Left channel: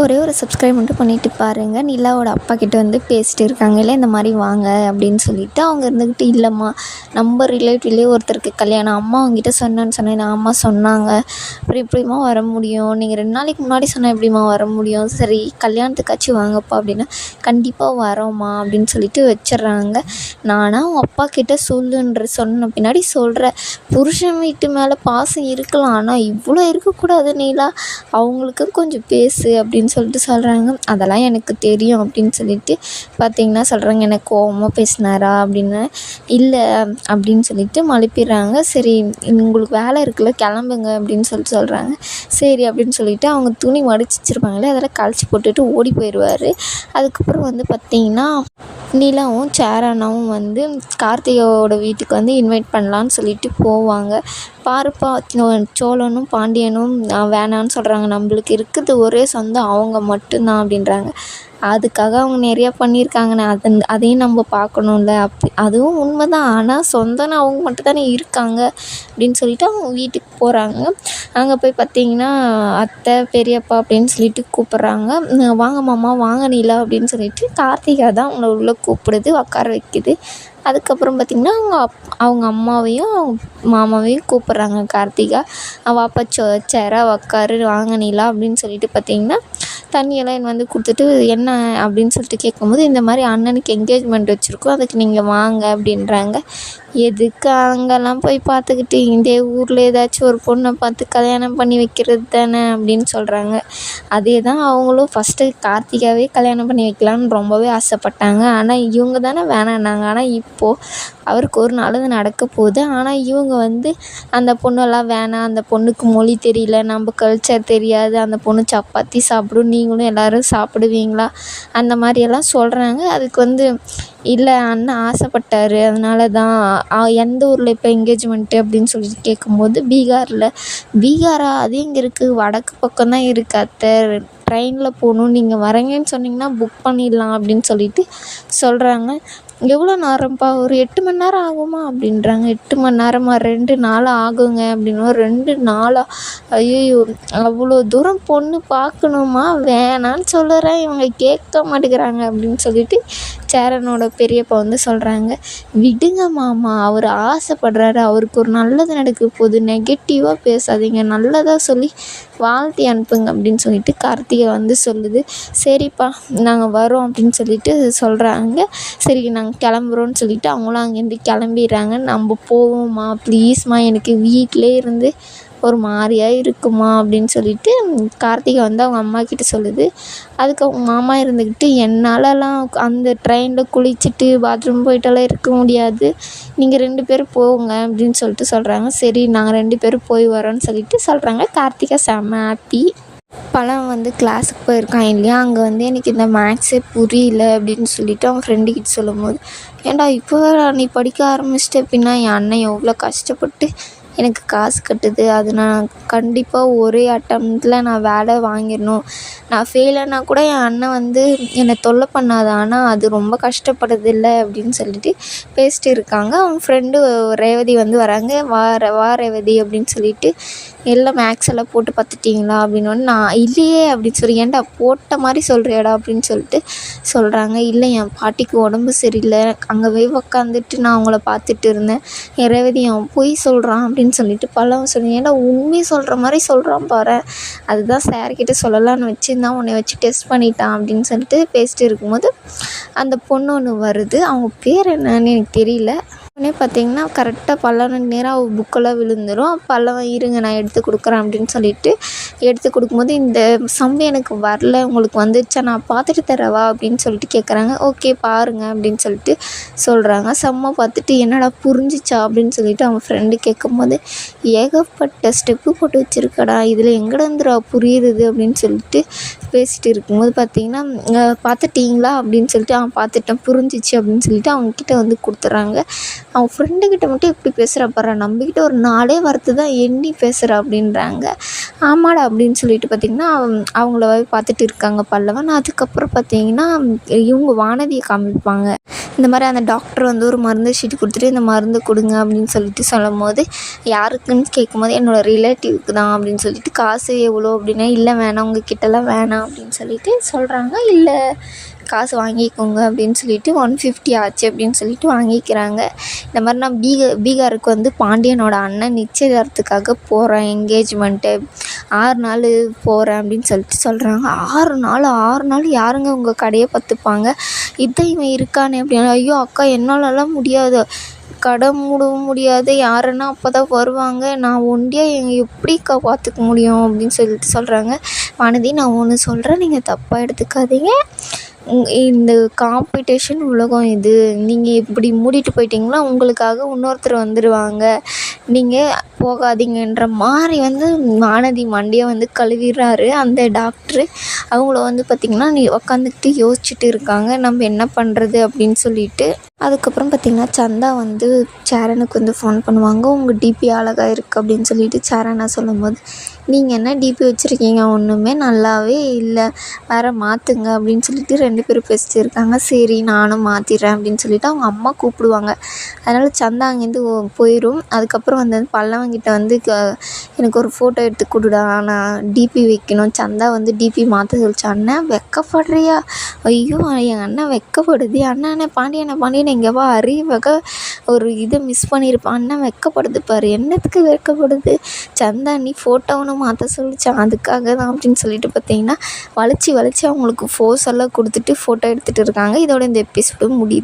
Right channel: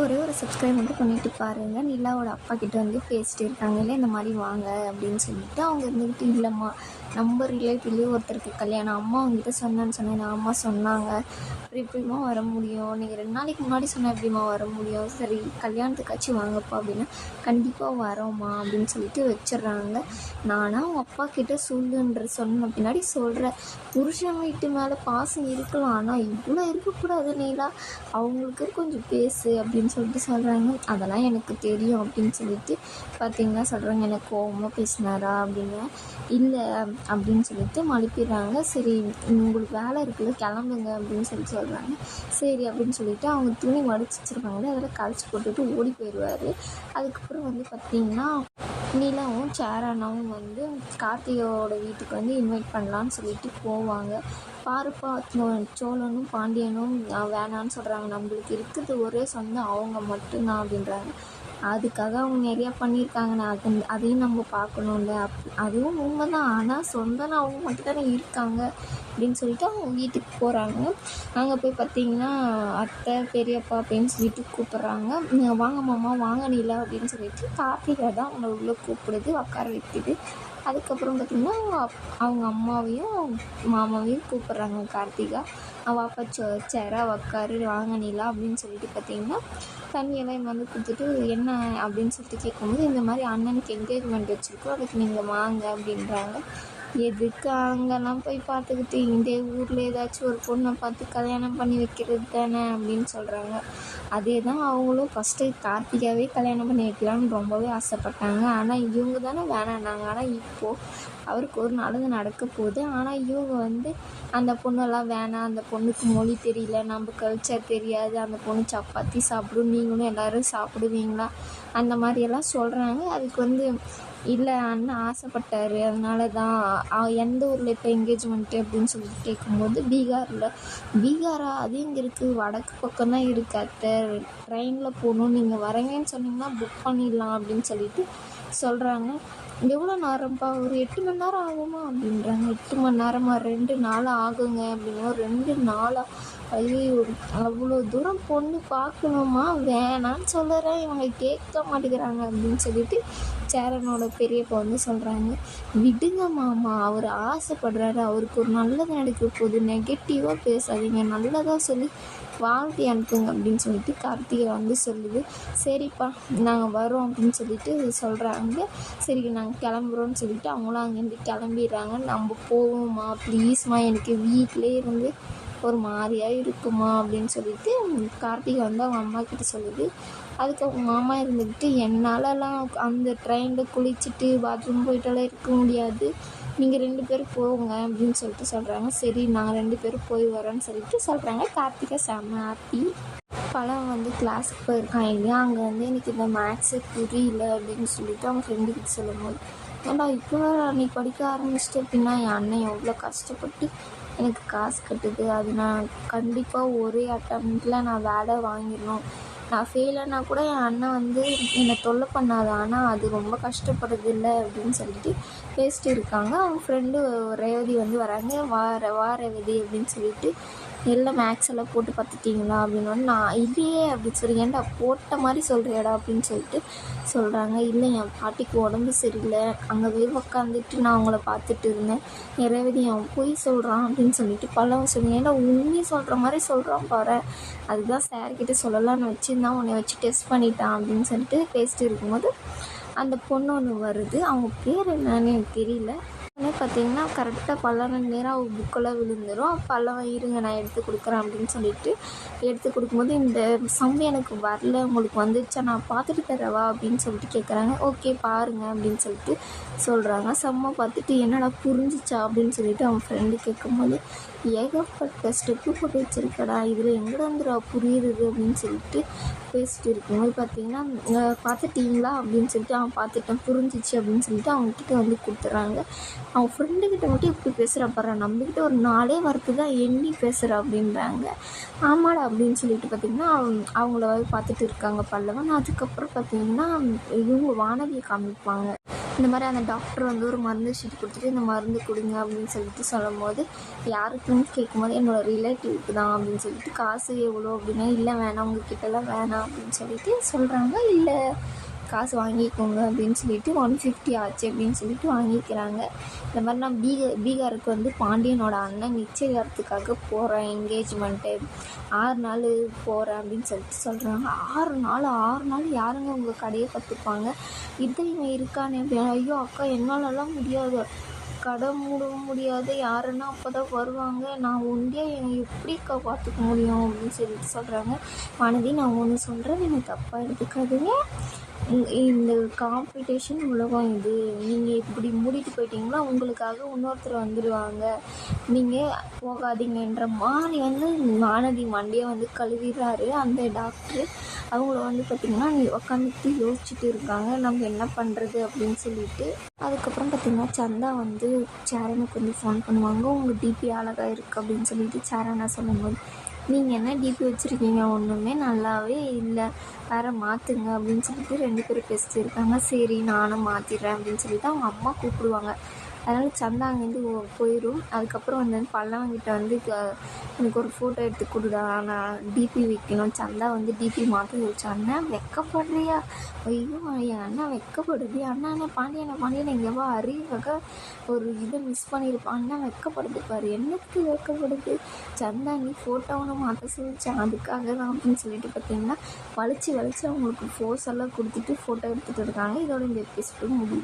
ஒரே ஒரு சப்ஸ்கிரைப் மட்டும் பண்ணிவிட்டு பாருங்கள். நிலாவோட அப்பா கிட்ட வந்து பேசிட்டு இருக்காங்கல்ல, இந்த மாதிரி வாங்க அப்படின்னு சொல்லிட்டு அவங்க இருந்துக்கிட்டு, இல்லைம்மா நம்ம ரிலேட்டிவ்லேயே ஒருத்தருக்கு கல்யாணம், அம்மா அவங்ககிட்ட சொன்னேன்னு அம்மா சொன்னாங்க, அப்புறம் எப்படிம்மா வர முடியும், நீங்கள் 2 நாளைக்கு முன்னாடி சொன்னால் எப்படிம்மா வர முடியும், சரி கல்யாணத்துக்காச்சும் வாங்கப்பா அப்படின்னா, கண்டிப்பாக வரோம்மா அப்படின்னு சொல்லிட்டு வச்சிடுறாங்க. நானாக அவங்க அப்பா கிட்ட சொன்ன பின்னாடி சொல்கிறேன், புருஷன் வீட்டு மேலே பாசம் இருக்கலாம், ஆனால் இவ்வளோ இருக்கக்கூடாது நீலா, அவங்களுக்கு கொஞ்சம் பேசு அப்படின்னு சொல்லிட்டு சொல்கிறாங்க. அதெல்லாம் எனக்கு தெரியும் அப்படின்னு சொல்லிட்டு பார்த்திங்கன்னா சொல்கிறாங்க, எனக்கு கோவமாக பேசினாரா அப்படின்னு. இல்லை அப்படின்னு சொல்லிட்டு மழுப்பிடுறாங்க. சரி உங்களுக்கு வேலை இருக்குல்ல, கிளம்புங்க அப்படின்னு சொல்லிட்டு சொல்கிறாங்க. சரி அப்படின்னு சொல்லிட்டு அவங்க துணி மடிச்சு வச்சுருப்பாங்களே, அதெல்லாம் கழிச்சு போட்டுட்டு ஓடி போயிடுவார். அதுக்கப்புறம் வந்து பார்த்திங்கன்னா நிலாவும் சேரனாவும் வந்து கார்த்திகாவோட வீட்டுக்கு வந்து இன்வைட் பண்ணலான்னு சொல்லிட்டு போவாங்க. பாருப்பா, சோழனும் பாண்டியனும் வேணான்னு சொல்கிறாங்க, நம்மளுக்கு இருக்குது ஒரே சொந்தம் அவங்க மட்டும்தான் அப்படின்றாங்க. அதுக்காக அவங்க நிறையா பண்ணியிருக்காங்கண்ணே, அதையும் நம்ம பார்க்கணும்ல, அதுவும் உண்மை தான். ஆனால் சொந்தம்னு அவங்க மட்டும் தானே இருக்காங்க அப்படின்னு சொல்லிட்டு அவங்க வீட்டுக்கு போகிறாங்க. அங்கே போய் பார்த்திங்கன்னா அத்தை பெரியப்பா அப்படின்னு சொல்லிட்டு கூப்பிட்றாங்க. வாங்க மாமா, வாங்க நிலா அப்படின்னு சொல்லிட்டு கார்த்திகா தான் அவங்கள உள்ளே கூப்பிடுது, உட்கார வைக்குது. அதுக்கப்புறம் பார்த்திங்கன்னா அவங்க அம்மாவையும் மாமாவையும் கூப்பிட்றாங்க கார்த்திகா. வாப்பா சேரா உக்காரு, வாங்க நிலா அப்படின்னு சொல்லிட்டு பார்த்திங்கன்னா தண்ணியெல்லாம் வந்து கொடுத்துட்டு, என்ன அப்படின்னு சொல்லிட்டு கேட்கும்போது, இந்த மாதிரி அண்ணனுக்கு என்கேஜ்மெண்ட் வச்சுருக்கோம், அதுக்கு நீங்கள் வாங்க அப்படின்றாங்க. எதுக்கு அங்கெல்லாம் போய் பார்த்துக்கிட்டு, இந்த ஊரில் ஏதாச்சும் ஒரு பொண்ணை பார்த்து கல்யாணம் பண்ணி வைக்கிறது தானே அப்படின்னு சொல்கிறாங்க. அதே தான் அவங்களும் ஃபஸ்ட்டு கார்த்திகாவே கல்யாணம் பண்ணி வைக்கலான்னு ரொம்பவே ஆசைப்பட்டாங்க. ஆனால் இவங்க தானே வேணான்னாங்க. ஆனால் இப்போது அவருக்கு ஒரு நல்லது நடக்க போகுது. ஆனால் இவங்க வந்து அந்த பொண்ணெல்லாம் வேணாம், அந்த பொண்ணுக்கு மொழி தெரியல, நம்ம கல்ச்சர் தெரியாது, அந்த பொண்ணு சப்பாத்தி சாப்பிடும், நீங்களும் எல்லோரும் சாப்பிடுவீங்களா, அந்த மாதிரியெல்லாம் சொல்கிறாங்க. அதுக்கு வந்து இல்லை அண்ணன் ஆசைப்பட்டாரு, அதனால தான். எந்த ஊரில் இப்போ என்கேஜ்மெண்ட்டு அப்படின்னு சொல்லிட்டு கேட்கும்போது, பீகாரா, அது எங்கே இருக்குது, வடக்கு பக்கம் தான் இருக்குது அத்தை, ட்ரெயினில் போகணும், நீங்கள் வரீங்கன்னு சொன்னிங்கன்னா புக் பண்ணிடலாம் அப்படின்னு சொல்லிட்டு சொல்கிறாங்க. எவ்வளோ நேரம்ப்பா, ஒரு 8 மணி நேரம் ஆகுமா அப்படின்றாங்க. 8 மணி நேரமா, 2 நாள் ஆகுங்க அப்படின்னு. 2 நாளா, ஐயோ அவ்வளோ தூரம் பொண்ணு பார்க்கணுமா, வேணான்னு சொல்லுறேன், இவங்க கேட்க மாட்டேங்கிறாங்க அப்படின்னு சொல்லிட்டு சேரனோட பெரியப்பா வந்து சொல்கிறாங்க. விடுங்க மாமா, அவர் ஆசைப்படுறாரு, அவருக்கு ஒரு நல்லது நடக்க போகுது, நெகட்டிவாக பேசாதீங்க, நல்லதாக சொல்லி வாழ்த்தி அனுப்புங்க அப்படின்னு சொல்லிட்டு கார்த்திகை வந்து சொல்லுது. சரிப்பா நாங்கள் வரோம் அப்படின்னு சொல்லிட்டு சொல்கிறாங்க. சரி நாங்கள் கிளம்புறோன்னு சொல்லிட்டு அவங்களும் அங்கேருந்து கிளம்பிடுறாங்க. நம்ம போவோம்மா ப்ளீஸ்மா, எனக்கு வீட்டிலே இருந்து ஒரு மாதிரியா இருக்குமா அப்படின்னு சொல்லிட்டு கார்த்திகை வந்து அவங்க அம்மா கிட்ட சொல்லுது. அதுக்கு அவங்க மாமா இருந்துக்கிட்டு, என்னாலலாம் அந்த ட்ரெயினில் குளிச்சுட்டு பாத்ரூம் போயிட்டெல்லாம் இருக்க முடியாது, நீங்கள் 2 பேரும் போங்க அப்படின்னு சொல்லிட்டு சொல்கிறாங்க. சரி நாங்கள் 2 பேரும் போய் வரோன்னு சொல்லிட்டு சொல்கிறாங்க. கார்த்திகா செம்ம ஹாப்பி. பழம் வந்து கிளாஸுக்கு போயிருக்கான் இல்லையா, அங்கே வந்து எனக்கு இந்த மேக்ஸே புரியல அப்படின்னு சொல்லிட்டு அவன் ஃப்ரெண்டுக்கிட்ட சொல்லும்போது, ஏன்டா இப்போ நீ படிக்க ஆரம்பிச்சிட்ட, அப்படின்னா என் அண்ணன் எவ்வளோ கஷ்டப்பட்டு எனக்கு காசு கட்டுது, அது நான் கண்டிப்பாக ஒரே அட்டம்ப்டில் நான் வேலை வாங்கிடணும், நான் ஃபெயிலானா கூட என் அண்ணன் வந்து என்னை தொல்லை பண்ணாத, ஆனால் அது ரொம்ப கஷ்டப்படுறதில்ல அப்படின்னு சொல்லிட்டு பேசிட்டு இருக்காங்க. அவங்க ஃப்ரெண்டு ரேவதி வந்து வராங்க. வா ரேவதி அப்படின்னு சொல்லிட்டு, எல்லாம் மேக்ஸ் எல்லாம் போட்டு பார்த்துட்டிங்களா அப்படின்னோடனே, நான் இல்லையே அப்படின்னு சொல்லி, ஏன்டா போட்ட மாதிரி சொல்கிறியாடா அப்படின்னு சொல்லிட்டு சொல்கிறாங்க. இல்லை என் பாட்டிக்கு உடம்பு சரியில்லை, அங்கே போய் உக்காந்துட்டு நான் அவங்கள பார்த்துட்டு இருந்தேன், ரேவதி அவன் பொய் சொல்கிறான் அப்படின்னு சொல்லிட்டு பழம் சொல்லி, ஏன்டா உண்மையை சொல்கிற மாதிரி சொல்கிறான் பாரு, அதுதான் சார்கிட்ட சொல்லலான்னு வச்சுருந்தான், உன்னை வச்சு டெஸ்ட் பண்ணிட்டான் அப்படின்னு சொல்லிட்டு பேசிட்டு இருக்கும்போது அந்த பொண்ணு ஒன்று வருது. அவங்க பேர் என்னன்னு எனக்கு தெரியல. உடனே பார்த்திங்கன்னா கரெக்டாக பல்லவனுக்கு நேராக அவள் புக்கெல்லாம் விழுந்துடும். பல்லவன் இருங்க நான் எடுத்து கொடுக்குறேன் அப்படின்னு சொல்லிட்டு எடுத்து கொடுக்கும்போது, இந்த சம்பு எனக்கு வரல, உங்களுக்கு வந்துடுச்சா, நான் பார்த்துட்டு தரவா அப்படின்னு சொல்லிட்டு கேட்குறாங்க. ஓகே பாருங்கள் அப்படின்னு சொல்லிட்டு சொல்கிறாங்க. செம்ம பார்த்துட்டு, என்னடா புரிஞ்சிச்சா அப்படின்னு சொல்லிட்டு அவன் ஃப்ரெண்டு கேட்கும்போது, ஏகப்பட்ட ஸ்டெப்பு போட்டு வச்சுருக்கடா, இதில் எங்கடந்துடா புரியுது அப்படின்னு சொல்லிட்டு பேசிகிட்டு இருக்கும்போது பார்த்திங்கன்னா, பார்த்துட்டிங்களா அப்படின்னு சொல்லிட்டு, அவன் பார்த்துட்டேன் புரிஞ்சிச்சு அப்படின்னு சொல்லிட்டு அவங்கக்கிட்ட வந்து கொடுத்துட்றாங்க. அவன் ஃப்ரெண்டுக்கிட்ட மட்டும் எப்படி பேசுகிறா பாரு, நம்மக்கிட்ட ஒரு 4 வார்த்தை தான் எண்ணி பேசுகிறா அப்படின்றாங்க. ஆமாடா அப்படின்னு சொல்லிட்டு பார்த்திங்கன்னா அவங்கள பார்த்துட்டு இருக்காங்க பல்லவன். அதுக்கப்புறம் பார்த்திங்கன்னா இவங்க வானதியை காமிப்பாங்க. இந்த மாதிரி அந்த டாக்டர் வந்து ஒரு மருந்து சீட்டு கொடுத்துட்டு இந்த மருந்து கொடுங்க அப்படின்னு சொல்லிட்டு சொல்லும்போது, யாருக்குன்னு கேட்கும்போது என்னோடய ரிலேட்டிவ்க்கு தான் அப்படின்னு சொல்லிட்டு, காசு எவ்வளோ அப்படின்னா, இல்லை வேணாம் உங்கள் கிட்டலாம் வேணாம் அப்படின்னு சொல்லிட்டு சொல்கிறாங்க. இல்லை காசு வாங்கிக்கோங்க அப்படின்னு சொல்லிட்டு 150 ஆச்சு அப்படின்னு சொல்லிட்டு வாங்கிக்கிறாங்க. இந்த மாதிரி நான் பீகாருக்கு வந்து பாண்டியனோட அண்ணன் நிச்சயதார்த்தத்துக்காக போகிறேன், என்கேஜ்மெண்ட்டு 6 நாள் போகிறேன் அப்படின்னு சொல்லிட்டு சொல்கிறாங்க. 6 நாள் யாருங்க உங்கள் கடையை பார்த்துப்பாங்க? இதான் இவன் இருக்கானே அப்படின்னு. ஐயோ அக்கா என்னாலலாம் முடியாது, கடை மூடவும் முடியாது, யாருன்னா அப்போ தான் வருவாங்க, நான் ஒண்டியாக எப்படிக்கா பார்த்துக்க முடியும் அப்படின்னு சொல்லிட்டு சொல்கிறாங்க. வானதி, நான் ஒன்று சொல்கிறேன், நீங்கள் தப்பாக எடுத்துக்காதீங்க. இந்த காம்படிஷன் உலகம் இது. நீங்கள் இப்படி மூடிட்டு போயிட்டீங்கன்னா உங்களுக்காக இன்னொருத்தர் வந்துடுவாங்க, நீங்கள் போகாதீங்கன்ற மாதிரி வந்து வானதி மண்டையை வந்து கழுவிடுறாரு அந்த டாக்டரு. அவங்கள வந்து பார்த்திங்கன்னா உக்காந்துக்கிட்டு யோசிச்சுட்டு இருக்காங்க, நம்ம என்ன பண்ணுறது அப்படின்னு சொல்லிட்டு. அதுக்கப்புறம் பார்த்திங்கன்னா சந்தா வந்து சேரனுக்கு வந்து ஃபோன் பண்ணுவாங்க. உங்கள் டிபி அழகாக இருக்குது அப்படின்னு சொல்லிட்டு சேரனா சொல்லும்போது, நீங்கள் என்ன டிபி வச்சுருக்கீங்க, ஒன்றுமே நல்லாவே இல்லை, வேறு மாற்றுங்க அப்படின்னு சொல்லிட்டு 2 பேரும் பேசிட்டு இருக்காங்க. சரி நானும் மாற்றிடுறேன் அப்படின்னு சொல்லிட்டு அவங்க அம்மா கூப்பிடுவாங்க. அதனால் சந்தா அங்கேருந்து போயிடும். அதுக்கப்புறம் வந்து பல்லவங்கிட்ட வந்து எனக்கு ஒரு ஃபோட்டோ எடுத்து கொடுடா, நான் டிபி வைக்கணும். சந்தா வந்து டிபி மாற்ற சொல்லிச்சு. அண்ணன் வெக்கப்படுறியா? ஐயோ என் அண்ணன் வெக்கப்படுது. அண்ணன் பாண்டியனை இங்கே வா, அறிவக ஒரு இதை மிஸ் பண்ணியிருப்பான். அண்ணன் வெக்கப்படுது பாரு. என்னத்துக்கு வெக்கப்படுது? சந்தா நீ ஃபோட்டோ ஒன்று மாற்ற சொல்லிச்சான், அதுக்காக தான் அப்படின்னு சொல்லிட்டு பார்த்தீங்கன்னா வளைச்சி அவங்களுக்கு ஃபோர்ஸ் எல்லாம் கொடுத்துட்டு ஃபோட்டோ எடுத்துகிட்டு இருக்காங்க. இதோட இந்த எபிசோடு முடியுது.